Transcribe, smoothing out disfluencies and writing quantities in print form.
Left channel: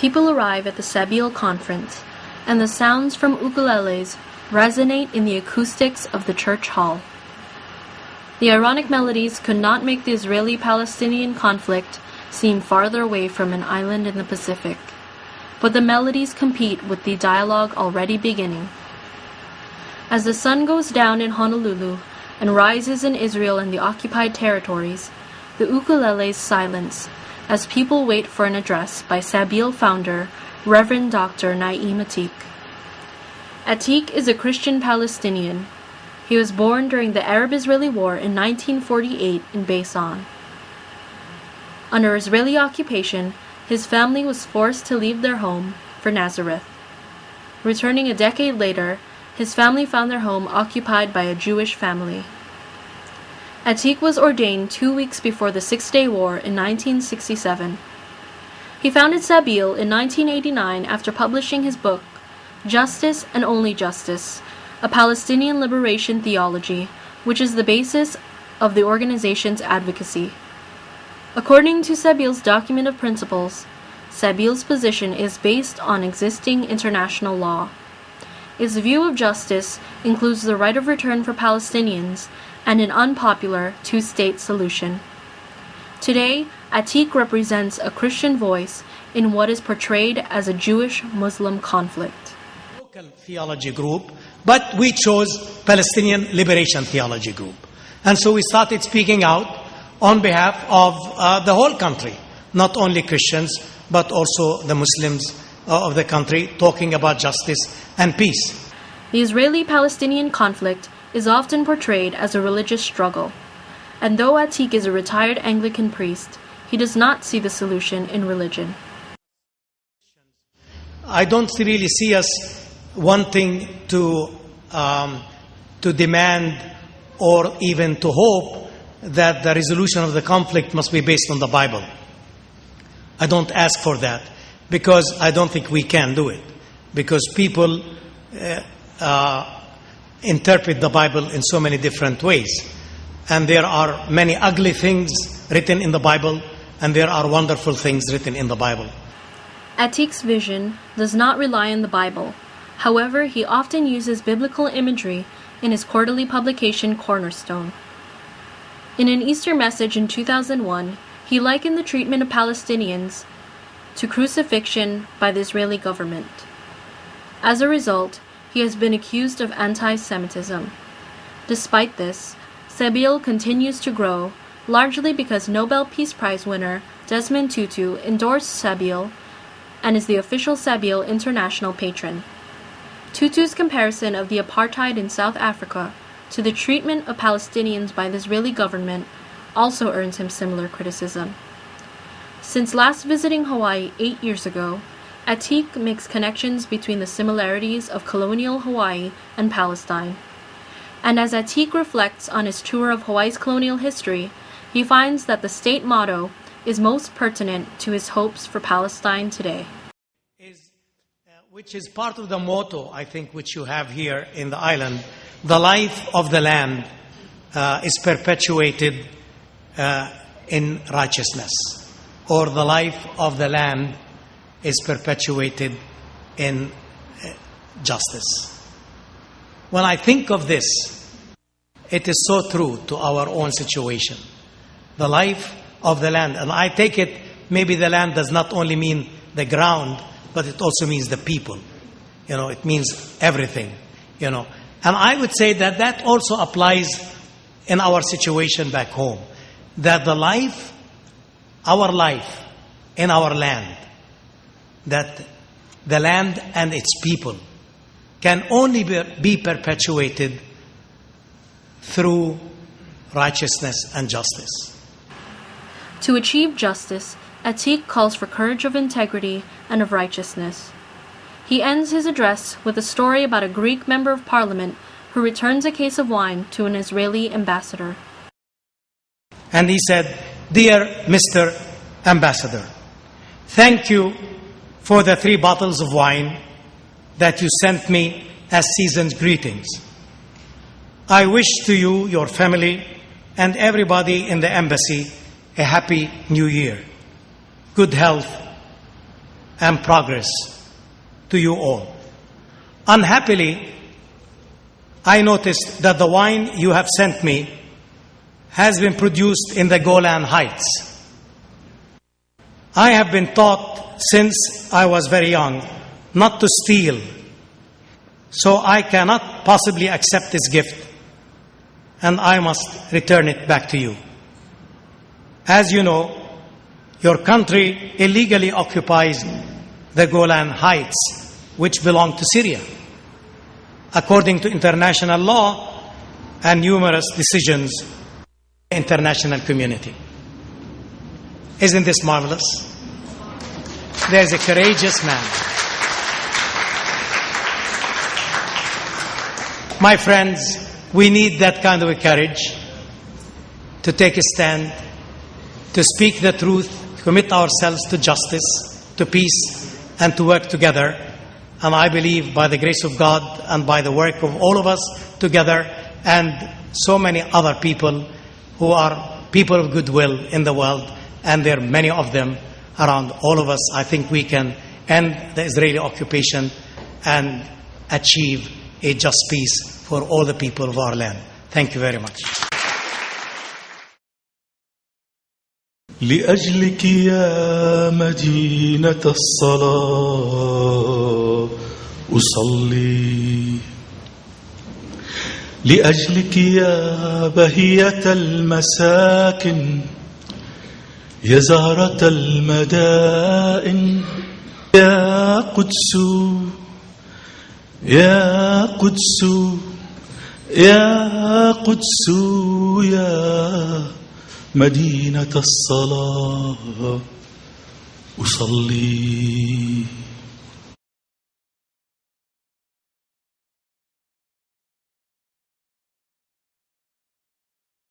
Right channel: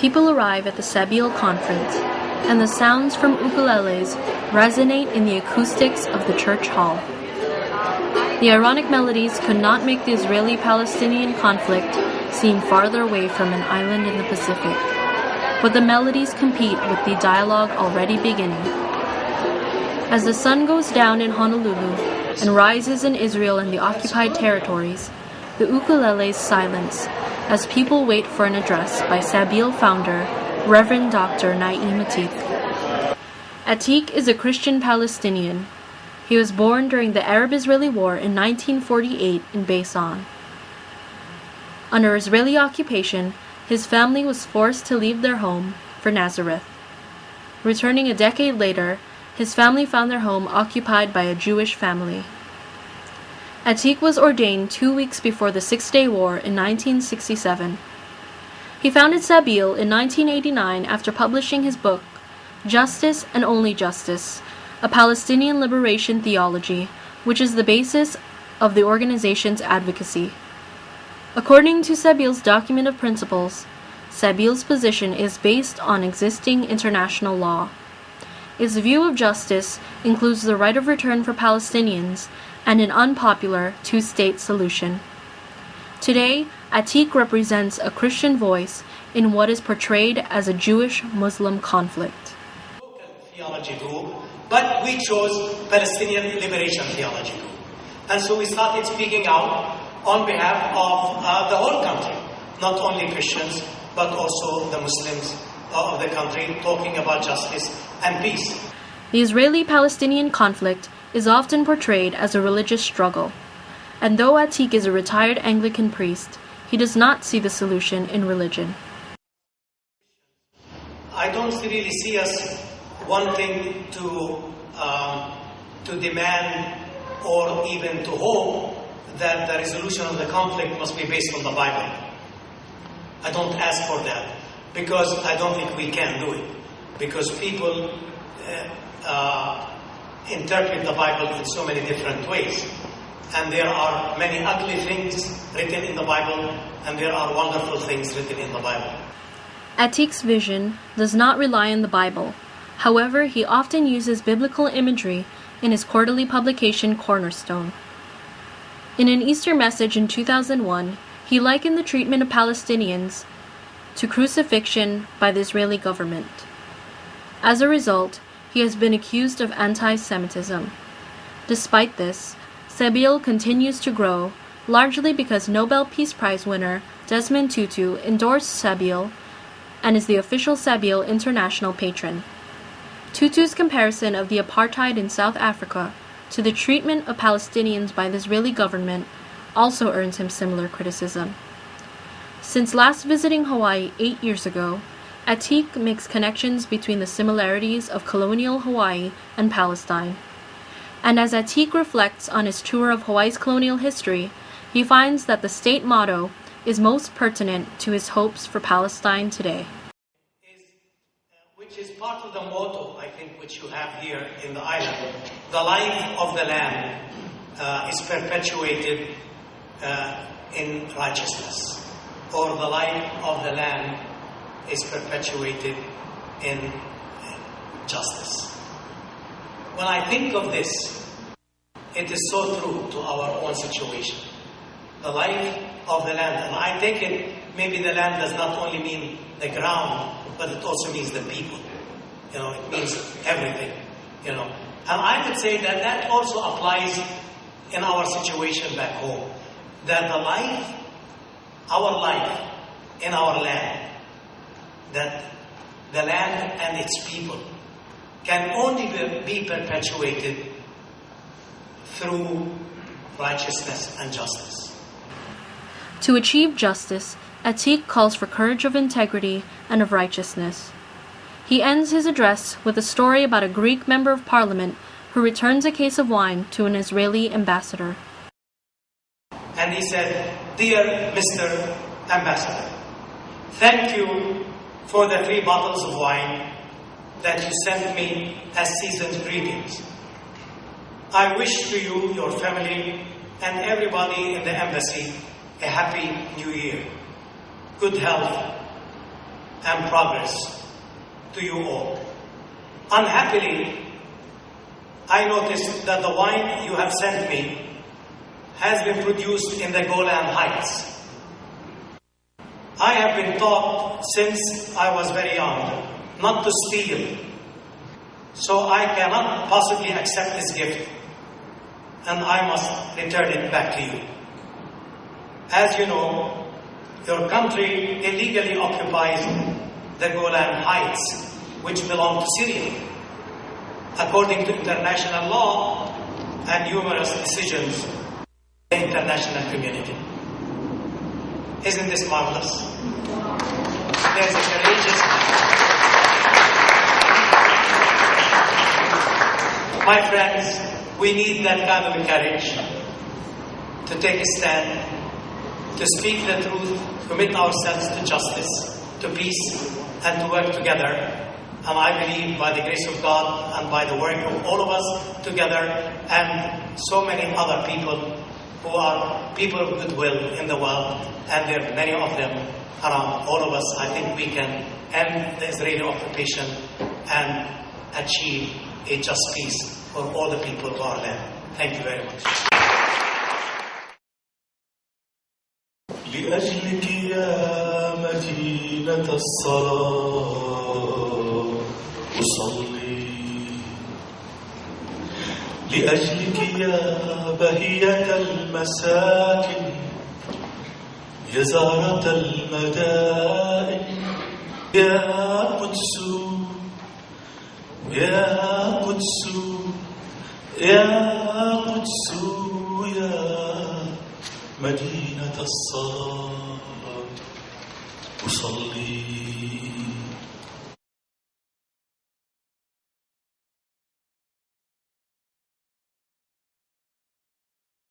People arrive at the Sabeel Conference, and the sounds from ukuleles resonate in the acoustics of the church hall. The ironic melodies could not make the Israeli-Palestinian conflict seem farther away from an island in the Pacific, but the melodies compete with the dialogue already beginning. As the sun goes down in Honolulu and rises in Israel and the occupied territories, the ukuleles silence as people wait for an address by Sabeel founder, Reverend Dr. Naim Ateek. Ateek is a Christian Palestinian. He was born during the Arab-Israeli War in 1948 in Beisan. Under Israeli occupation, his family was forced to leave their home for Nazareth. Returning a decade later, his family found their home occupied by a Jewish family. Ateek was ordained 2 weeks before the Six-Day War in 1967. He founded Sabeel in 1989 after publishing his book, Justice and Only Justice, a Palestinian liberation theology, which is the basis of the organization's advocacy. According to Sabeel's document of principles, Sabeel's position is based on existing international law. Its view of justice includes the right of return for Palestinians and an unpopular two-state solution. Today, Ateek represents a Christian voice in what is portrayed as a Jewish-Muslim conflict. Theology group, but we chose Palestinian Liberation Theology Group. And so we started speaking out on behalf of the whole country, not only Christians, but also the Muslims of the country, talking about justice and peace. The Israeli-Palestinian conflict is often portrayed as a religious struggle, and though Ateek is a retired Anglican priest, he does not see the solution in religion. I don't really see us wanting to demand or even to hope that the resolution of the conflict must be based on the Bible. I don't ask for that because I don't think we can do it, because people interpret the Bible in so many different ways, and there are many ugly things written in the Bible and there are wonderful things written in the Bible. Ateek's vision does not rely on the Bible. However, he often uses biblical imagery in his quarterly publication Cornerstone. In an Easter message in 2001, he likened the treatment of Palestinians to crucifixion by the Israeli government. As a result, he has been accused of anti-Semitism. Despite this, Sabeel continues to grow, largely because Nobel Peace Prize winner Desmond Tutu endorsed Sabeel and is the official Sabeel international patron. Tutu's comparison of the apartheid in South Africa to the treatment of Palestinians by the Israeli government also earns him similar criticism. Since last visiting Hawaii 8 years ago, Ateek makes connections between the similarities of colonial Hawaii and Palestine. And as Ateek reflects on his tour of Hawaii's colonial history, he finds that the state motto is most pertinent to his hopes for Palestine today. Which is part of the motto, I think, which you have here in the island. The life of the land is perpetuated in righteousness, or the life of the land is perpetuated in justice. When I think of this, it is so true to our own situation. The life of the land, and I take it, maybe the land does not only mean the ground, but it also means the people. It means everything, And I would say that that also applies in our situation back home. That our life in our land, that the land and its people can only be perpetuated through righteousness and justice. To achieve justice, Ateek calls for courage of integrity and of righteousness. He ends his address with a story about a Greek member of parliament who returns a case of wine to an Israeli ambassador. And he said, "Dear Mr. Ambassador, thank you for the 3 bottles of wine that you sent me as season's greetings. I wish to you, your family, and everybody in the embassy a happy new year, good health, and progress to you all. Unhappily, I noticed that the wine you have sent me has been produced in the Golan Heights. I have been taught since I was very young not to steal, so I cannot possibly accept this gift, and I must return it back to you. As you know, your country illegally occupies the Golan Heights, which belong to Syria, according to international law and numerous decisions of the international community. Isn't this marvelous? There's a courageous man. My friends, we need that kind of courage to take a stand, to speak the truth, commit ourselves to justice, to peace, and to work together. And I believe by the grace of God and by the work of all of us together and so many other people who are people of goodwill in the world, and there are many of them around all of us, I think we can end the Israeli occupation and achieve a just peace for all the people of our land. Thank you very much. لأجلك يا مدينة الصلاة أصلي، لأجلك يا بهية المساكن، يا زهرة المدائن، يا قدس يا قدس يا قدس يا مدينة الصلاة أصلي.